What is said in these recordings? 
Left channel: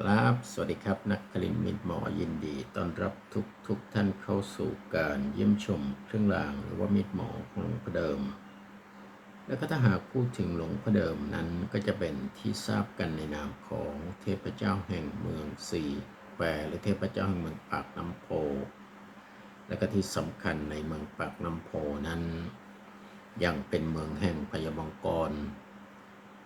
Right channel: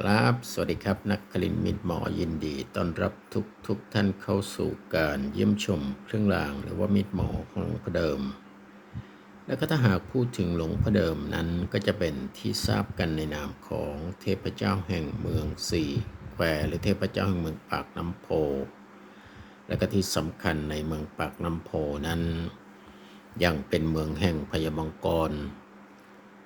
ครับสวัสดีครับ นักคลินมิตรหมอยินดีต้อนรับทุกทุกท่านเข้าสู่การเยี่ยมชมเครื่องรางหรือว่ามิตรหมอของหลวงพ่อเดิม แล้วก็ถ้าหากพูดถึงหลวงพ่อเดิมนั้นก็จะเป็นที่ทราบกันในนามของเทพเจ้าแห่งเมืองสี่แควหรือเทพเจ้าแห่งเมืองปากน้ำโพ และก็ที่สำคัญในเมืองปากน้ำโพนั้น ยังเป็นเมืองแห่งพญามังกร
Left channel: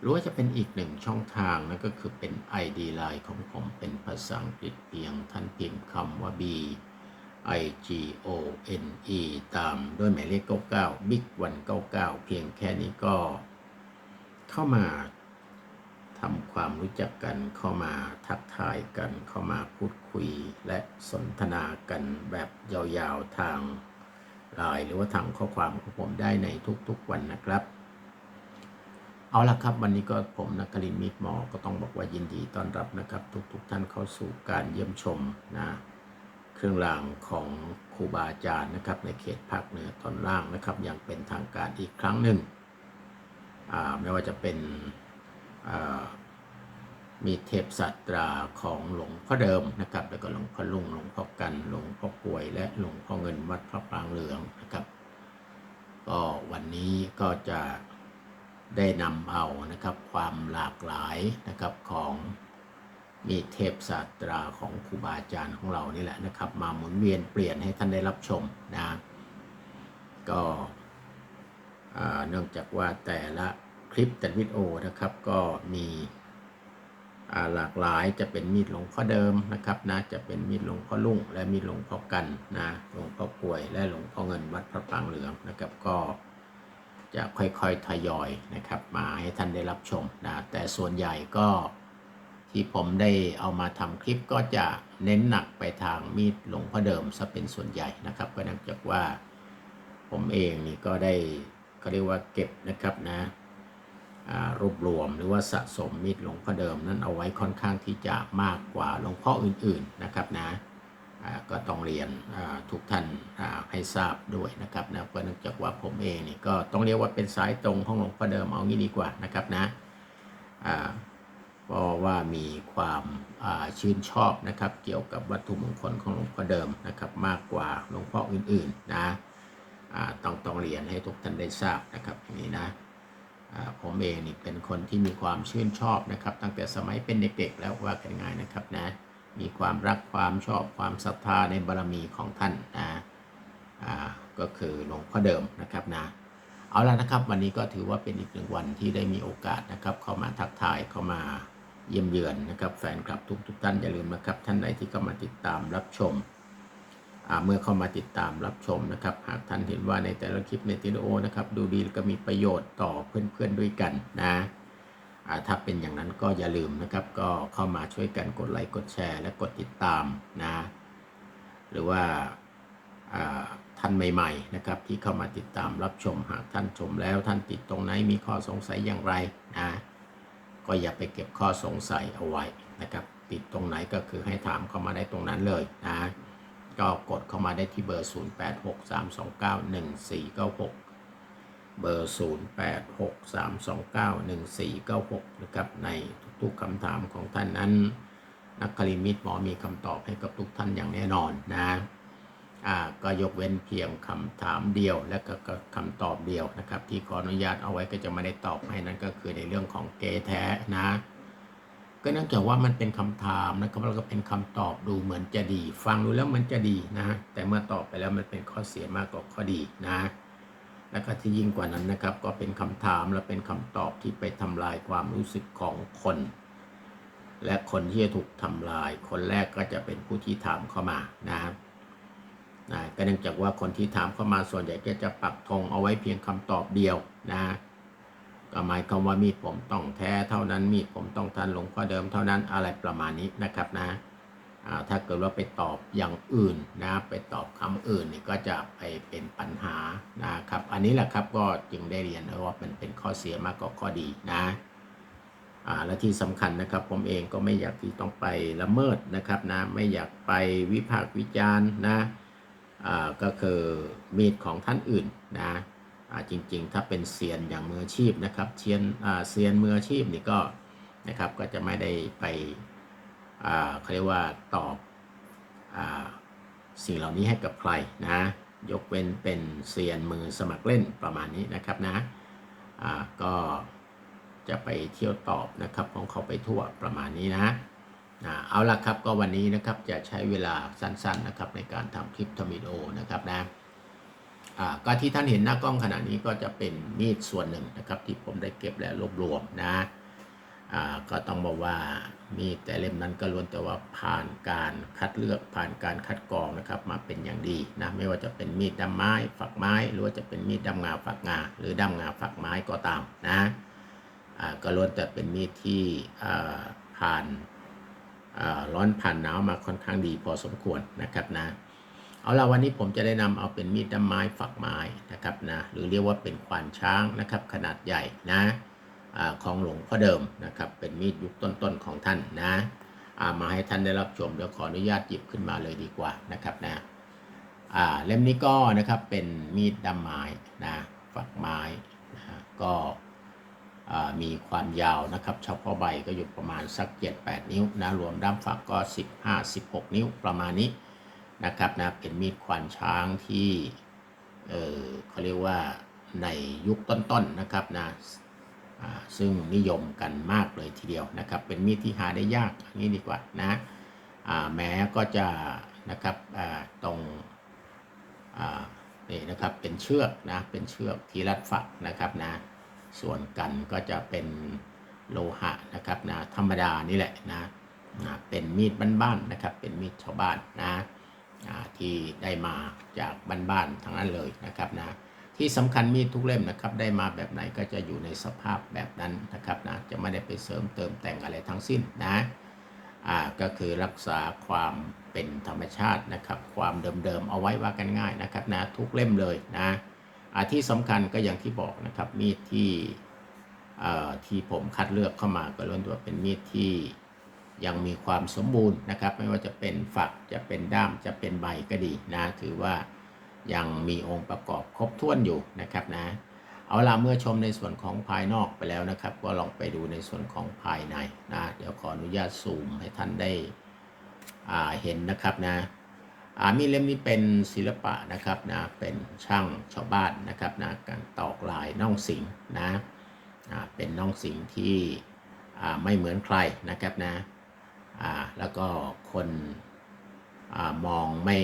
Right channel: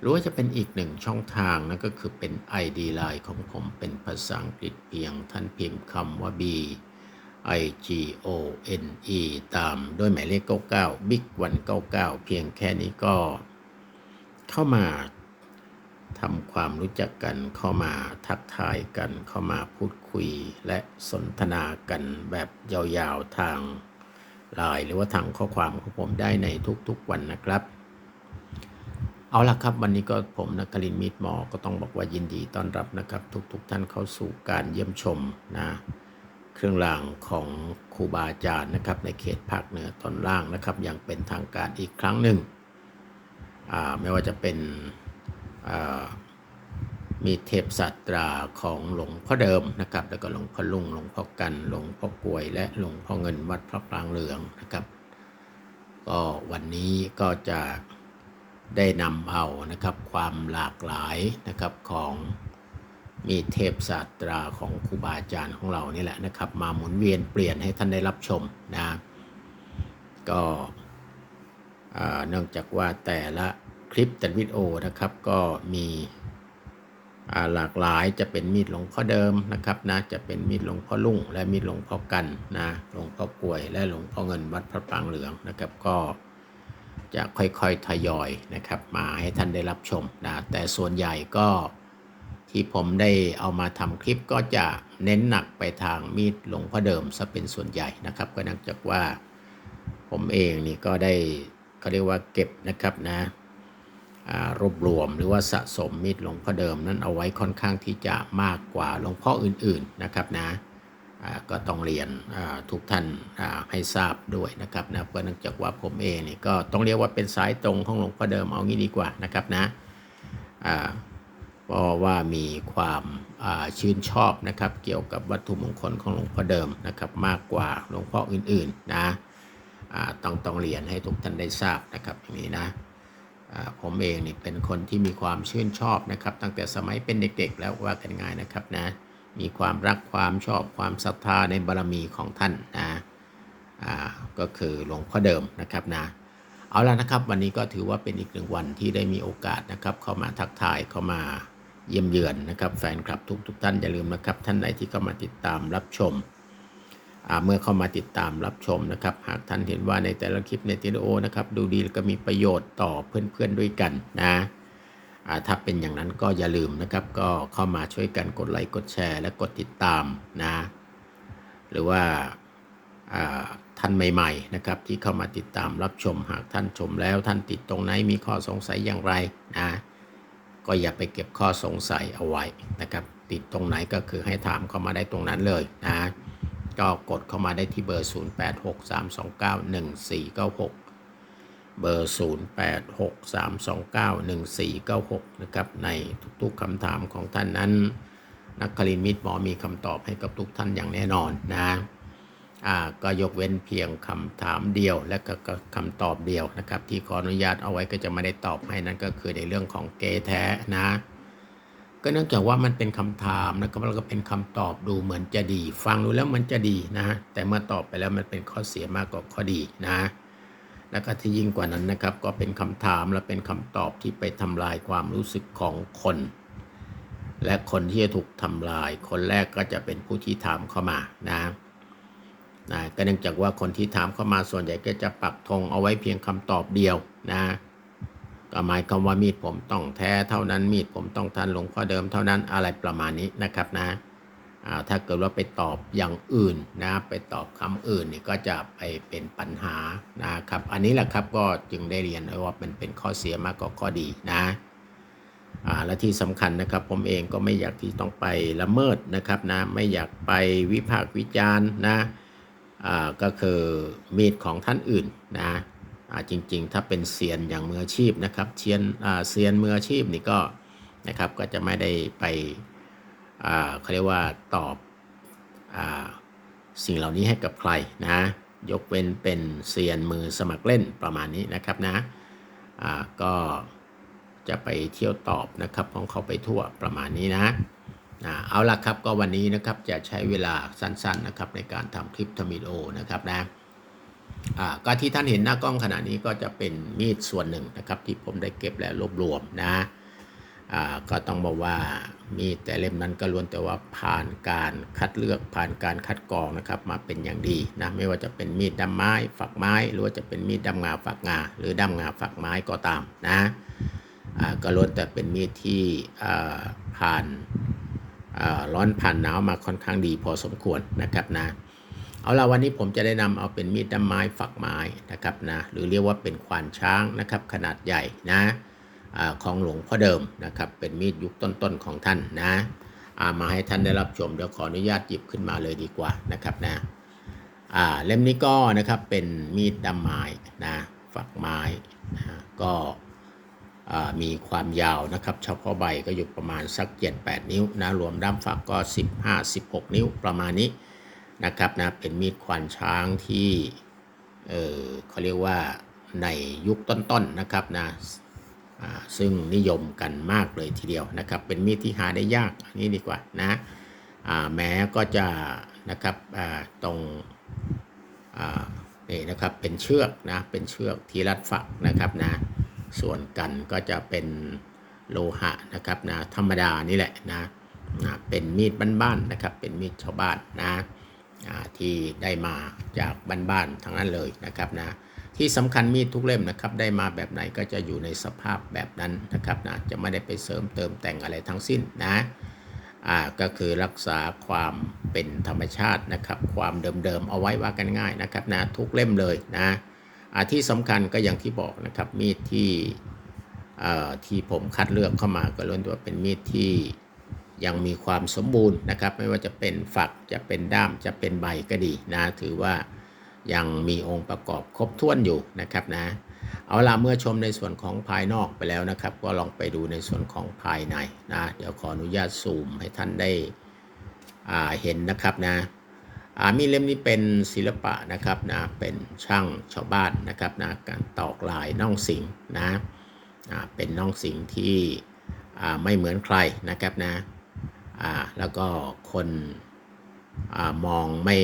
หรือว่าจะเป็นอีกหนึ่งช่องทางนั่นก็คือเป็น ID Line ของผมเป็นภาษาอังกฤษเพียงท่านพิมพ์คำว่า B I G O N E ตามด้วยหมายเลข 99 Big 199 เพียงแค่นี้ก็เข้ามาทำความรู้จักกันเข้ามาทักทายกันเข้ามาพูดคุยและสนทนากันแบบยาวๆทางไลน์หรือว่าทางข้อความของผมได้ในทุกๆวันนะครับ เอาละครับ วันนี้ก็ผมนักคลินทร์มิตรหมอก็ต้องบอกว่ายินดีต้อนรับนะครับ ทุกๆทท่านเข้าสู่การเยี่ยมชมนะเครื่องรางของครูบาอาจารย์นะครับ ในเขตภาคเหนือตอนล่างนะครับ อย่างเป็นทางการอีกครั้งหนึ่งไม่ว่าจะเป็นมีเทพสัตราของหลวงพ่อเดิมนะครับ แล้วก็หลวงพ่อลุงหลวงพ่อกันหลวงพ่อกวย และหลวงพ่อเงินวัดพระปรางเหลืองนะครับ ก็วันนี้ก็จะ ได้นำเอานะครับความหลากหลายนะครับของมีเทพศาสตราของครูบาอาจารย์ของเรานี่แหละนะครับ มาหมุนเวียนเปลี่ยนให้ท่านได้รับชมนะก็เนื่องจากว่าแต่ละคลิปแต่วิดีโอนะครับก็มีหลากหลายจะเป็นมีดหลวงพ่อเดิมนะครับนะจะเป็นมีดหลวงพ่อลุ่ง และมีดหลวงพ่อกันนะหลวงพ่อกลวย และหลวงพ่อเงินวัดพระปางเหลืองนะครับก็ จะค่อยๆทยอยนะครับมาให้ท่านได้รับชมนะแต่ส่วนใหญ่ก็ที่ผมได้เอามาทำคลิปก็จะเน้นหนักไปทางมีดหลวงพ่อเดิมซะเป็นส่วนใหญ่นะครับ ก็นื่องจากว่าผมเองนี่ก็ได้เขาเรียกว่าเก็บนะครับนะรวบรวมหรือว่าสะสมมีดหลวงพ่อเดิมนั้นเอาไว้ค่อนข้างที่จะมากกว่าหลวงพ่ออื่นๆนะครับนะ ก็ต้องเรียนทุกท่านให้ทราบด้วยนะครับนะเพราะเนื่องจากว่าผมเองนี่ก็ต้องเรียกว่าเป็นสายตรงของหลวงพ่อเดิมเอางี้ดีกว่านะครับนะเพราะว่ามีความชื่นชอบนะครับเกี่ยวกับวัตถุมงคลของหลวงพ่อเดิมนะครับมากกว่าหลวงพ่ออื่นๆนะต้องต้องเรียนให้ทุกท่านได้ทราบนะครับอย่างนี้นะผมเองนี่เป็นคนที่มีความชื่นชอบนะครับ ตั้งแต่สมัยเป็นเด็กๆแล้วว่ากันง่ายนะครับนะ มีความรักความชอบความศรัทธาในบารมีของท่านนะอ่าก็คือหลวงพ่อเดิมนะครับนะเอาละนะครับ วันนี้ก็ถือว่าเป็นอีกหนึ่งวันที่ได้มีโอกาสนะครับ เข้ามาทักทายเข้ามาเยี่ยมเยือนนะครับ แฟนคลับทุกทุกๆท่านอย่าลืมนะครับ ท่านไหนที่เข้ามาติดตามรับชมอ่าเมื่อเข้ามาติดตามรับชมนะครับ หากท่านเห็นว่าในแต่ละคลิปในวิดีโอนะครับ ดูดีแล้วก็มีประโยชน์ต่อเพื่อนๆด้วยกันนะ ถ้าเป็นอย่างนั้นก็อย่าลืมนะครับ ก็เข้ามาช่วยกันกดไลค์กดแชร์ และกดติดตามนะ หรือว่าท่านใหม่ๆนะครับ ที่เข้ามาติดตามรับชมหากท่านชมแล้วท่านติดตรงไหนมีข้อสงสัยอย่างไรนะก็อย่าไปเก็บข้อสงสัยเอาไว้นะครับ ติดตรงไหนก็คือให้ถามเข้ามาได้ตรงนั้นเลยนะก็กดเข้ามาได้ที่เบอร์ 0863291496 เบอร์ 0863291496 นะครับ ในทุกๆคำถามของท่านนั้น นักคลินิตหมอมีคำตอบให้กับทุกท่านอย่างแน่นอนนะอ่าก็ยกเว้นเพียงคำถามเดียวและก็คำตอบเดียวนะครับ ที่ขออนุญาตเอาไว้ก็จะไม่ได้ตอบให้นั่นก็คือในเรื่องของเกแท้นะก็เนื่องจากว่ามันเป็นคำถามนะครับแล้วก็เป็นคำตอบดูเหมือนจะดี ฟังดูแล้วมันจะดีนะแต่เมื่อตอบไปแล้วมันเป็นข้อเสียมากกว่าข้อดีนะ แล้วก็ที่ยิ่งกว่านั้นนะครับ ก็เป็นคำถามและเป็นคำตอบที่ไปทำลายความรู้สึกของคน และคนที่จะถูกทำลาย คนแรกก็จะเป็นผู้ที่ถามเข้ามานะนะก็เนื่องจากว่าคนที่ถามเข้ามาส่วนใหญ่ก็จะปักธงเอาไว้เพียงคำตอบเดียวนะก็หมายความว่ามีดผมต้องแท้เท่านั้นมีดผมต้องทันหลวงพ่อเดิมเท่านั้นอะไรประมาณนี้นะครับนะ ถ้าเกิดว่าไปตอบอย่างอื่นนะไปตอบคำอื่นนี่ก็จะไปเป็นปัญหานะครับ อันนี้แหละครับก็จึงได้เรียนไว้ว่ามันเป็นข้อเสียมากกว่าข้อดีนะอ่าและที่สำคัญนะครับผมเองก็ไม่อยากที่ต้องไปละเมิดนะครับนะไม่อยากไปวิพากษ์วิจารณ์นะอ่าก็คือมีดของท่านอื่นนะอ่าจริงๆ ถ้าเป็นเซียนอย่างมืออาชีพนะครับเซียนอ่าเซียนมืออาชีพนี่ก็นะครับก็จะไม่ได้ไป เขาเรียกว่าตอบอสิ่งเหล่านี้ให้กับใครนะยกเว้นเป็นเซียนมือสมัครเล่นประมาณนี้นะครับนะก็จะไปเที่ยวตอบนะครับของเขาไปทั่วประมาณนี้นะเอาละครับก็วันนี้นะครับจะใช้เวลาสั้นๆนะครับในการทำคลิปทำวิโอนะครับนะก็ที่ท่านเห็นหน้ากล้องขณะนี้ก็จะเป็นมีดส่วนหนึ่งนะครับที่ผมได้เก็บและรวบรวมนะ ก็ต้องบอกว่ามีดแต่เล่มนั้นก็ล้วนแต่ว่าผ่านการคัดเลือกผ่านการคัดกรองนะครับมาเป็นอย่างดีนะไม่ว่าจะเป็นมีดดำไม้ฝักไม้ หรือว่าจะเป็นมีดดำงาฝักงาหรือดำงาฝักไม้ก็ตามนะก็ล้วนแต่เป็นมีดที่ผ่านร้อนผ่านหนาวมาค่อนข้างดีพอสมควรนะครับนะเอาละวันนี้ผมจะได้นำเอาเป็นมีดดำไม้ฝักไม้นะครับนะหรือเรียกว่าเป็นควานช้างนะครับขนาดใหญ่นะ ของหลวงพ่อเดิมนะครับ เป็นมีดยุคต้นๆของท่านนะามาให้ท่านได้รับชมเดี๋ยวขออนุญาตหยิบขึ้นมาเลยดีกว่านะครับนะเล่มนี้ก็นะครับเป็นมีดดำไม้นะฝักไม้นะก็มีความยาวนะครับเฉพาะใบก็อยู่ประมาณสัก7-8นิ้วนะรวมด้ามฝักก็ 15-16 นิ้วประมาณนี้นะครับนะเป็นมีดควานช้างที่เออเขาเรียกว่าในยุคต้นๆนะครับนะ ซึ่งนิยมกันมากเลยทีเดียวนะครับ เป็นมีดที่หาได้ยากอันนี้ดีกว่านะแม้ก็จะนะครับตรงนี่นะครับเป็นเชือกนะเป็นเชือกที่รัดฝักนะครับนะส่วนกันก็จะเป็นโลหะนะครับนะธรรมดานี่แหละนะนะเป็นมีดบ้านๆนะครับ เป็นมีดชาวบ้านนะที่ได้มาจากบ้านๆทั้งนั้นเลยนะครับนะ ที่สำคัญมีดทุกเล่มนะครับ ได้มาแบบไหนก็จะอยู่ในสภาพแบบนั้นนะครับนะจะไม่ได้ไปเสริมเติมแต่งอะไรทั้งสิ้นนะอ่าก็คือรักษาความเป็นธรรมชาตินะครับ ความเดิมๆเอาไว้ว่ากันง่ายนะครับนะทุกเล่มเลยนะอ่าที่สำคัญก็อย่างที่บอกนะครับมีดที่เอ่อที่ผมคัดเลือกเข้ามาก็ล้วนตัวเป็นมีดที่ยังมีความสมบูรณ์นะครับ ไม่ว่าจะเป็นฝักจะเป็นด้ามจะเป็นใบก็ดีนะถือว่า ยังมีองค์ประกอบครบถ้วนอยู่นะครับนะเอาละเมื่อชมในส่วนของภายนอกไปแล้วนะครับ ก็ลองไปดูในส่วนของภายในนะเดี๋ยวขออนุญาตซูมให้ท่านได้เห็นนะครับนะอามีเล่มนี้เป็นศิลปะนะครับนะเป็นช่างชาวบ้านนะครับนะการตอกลายน่องสิงนะเป็นน่องสิงที่ไม่เหมือนใครนะครับนะแล้วก็คนอมองไม่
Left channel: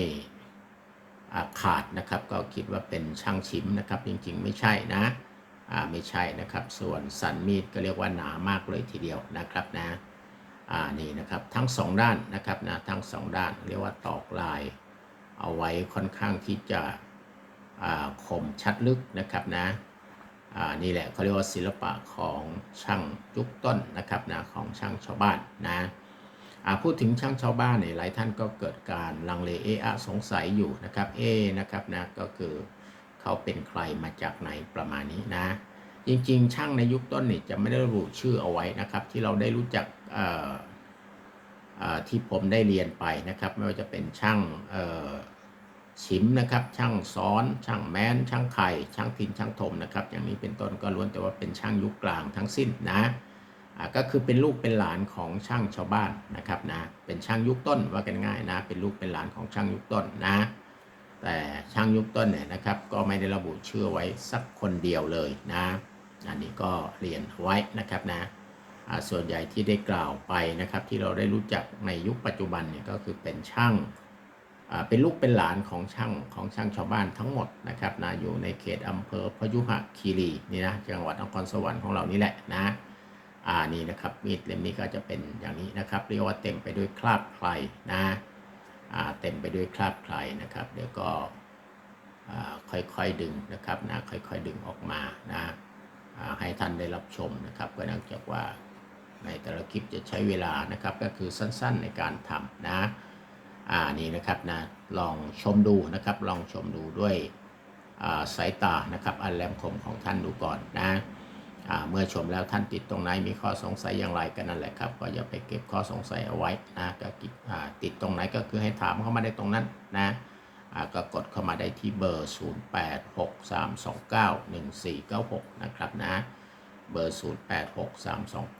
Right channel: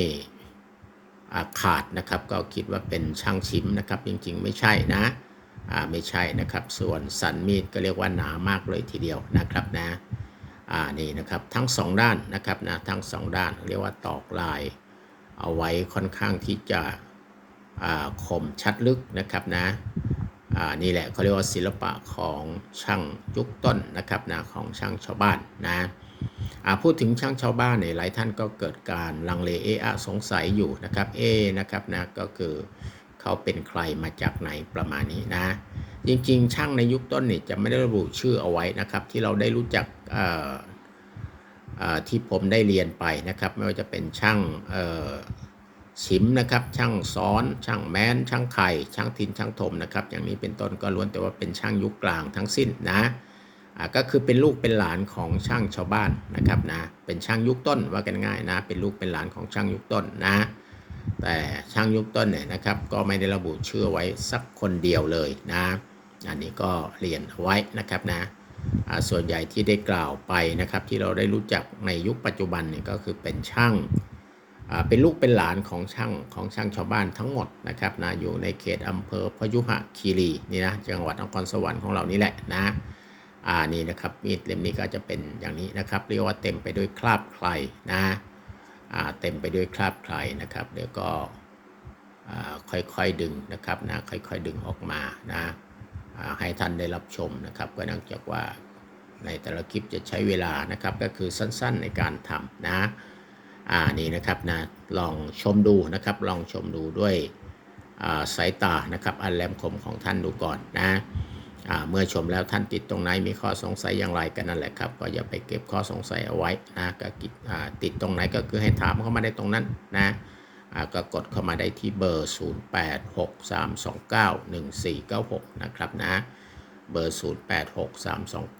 ขาดนะครับ ก็คิดว่าเป็นช่างชิมนะครับ จริงๆ ไม่ใช่นะไม่ใช่นะครับ ส่วนสันมีดก็เรียกว่าหนามากเลยทีเดียวนะครับนะนี่นะครับทั้งสองด้านนะครับนะทั้งสองด้านเรียกว่าตอกลาย เอาไว้ค่อนข้างที่จะคมชัดลึกนะครับนะนี่แหละเขาเรียกว่าศิลปะของช่างยุคต้นนะครับนะของช่างชาวบ้านนะ พูดถึงช่างชาวบ้านเนี่ยหลายท่านก็เกิดการลังเลเอะอะสงสัยอยู่นะครับเอนะครับนะก็คือเขาเป็นใครมาจากไหนประมาณนี้นะ จริงๆ ช่างในยุคต้นนี่จะไม่ได้ระบุชื่อเอาไว้นะครับ ที่เราได้รู้จักที่ผมได้เรียนไปนะครับ ไม่ว่าจะเป็นช่างชิมนะครับ ช่างซ้อน ช่างแม้น ช่างไข่ ช่างทินช่างถมนะครับ อย่างนี้เป็นต้นก็ล้วนแต่ว่าเป็นช่างยุคกลางทั้งสิ้นนะ ก็คือเป็นลูกเป็นหลานของช่างชาวบ้านนะครับนะเป็นช่างยุคต้นว่ากันง่ายนะเป็นลูกเป็นหลานของช่างยุคต้นนะ แต่ช่างยุคต้นเนี่ยนะครับ ก็ไม่ได้ระบุชื่อไว้สักคนเดียวเลยนะอันนี้ก็เรียนไว้นะครับนะส่วนใหญ่ที่ได้กล่าวไปนะครับ ที่เราได้รู้จักในยุคปัจจุบันเนี่ยก็คือเป็นช่างเป็นลูกเป็นหลานของช่างของช่างชาวบ้านทั้งหมดนะครับนะอยู่ในเขตอำเภอพยุหคีรีนี่นะจังหวัดนครสวรรค์ของเรานี่แหละนะ อ่านี่นะครับมีดเล่มนี้ก็จะเป็นอย่างนี้นะครับเรียกว่าเต็มไปด้วยคราบใครนะอ่าเต็มไปด้วยคราบใครนะครับเดี๋ยวก็อ่าค่อยๆดึงนะครับนะค่อยๆดึงออกมานะอ่าให้ท่านได้รับชมนะครับก็เนื่องจากว่าในแต่ละคลิปจะใช้เวลานะครับก็คือสั้นๆในการทำนะอ่านี่นะครับนะลองชมดูนะครับ ลองชมดูด้วยอ่าสายตานะครับ อันแหลมคมของท่านดูก่อนนะ เมื่อชมแล้วท่านติดตรงไหนมีข้อสงสัยอย่างไรกันนั่นแหละครับ ก็อย่าไปเก็บข้อสงสัยเอาไว้นะก็ติดตรงไหนก็คือให้ถามเข้ามาได้ตรงนั้นนะก็กดเข้ามาได้ที่เบอร์ 0863291496 นะครับนะ เบอร์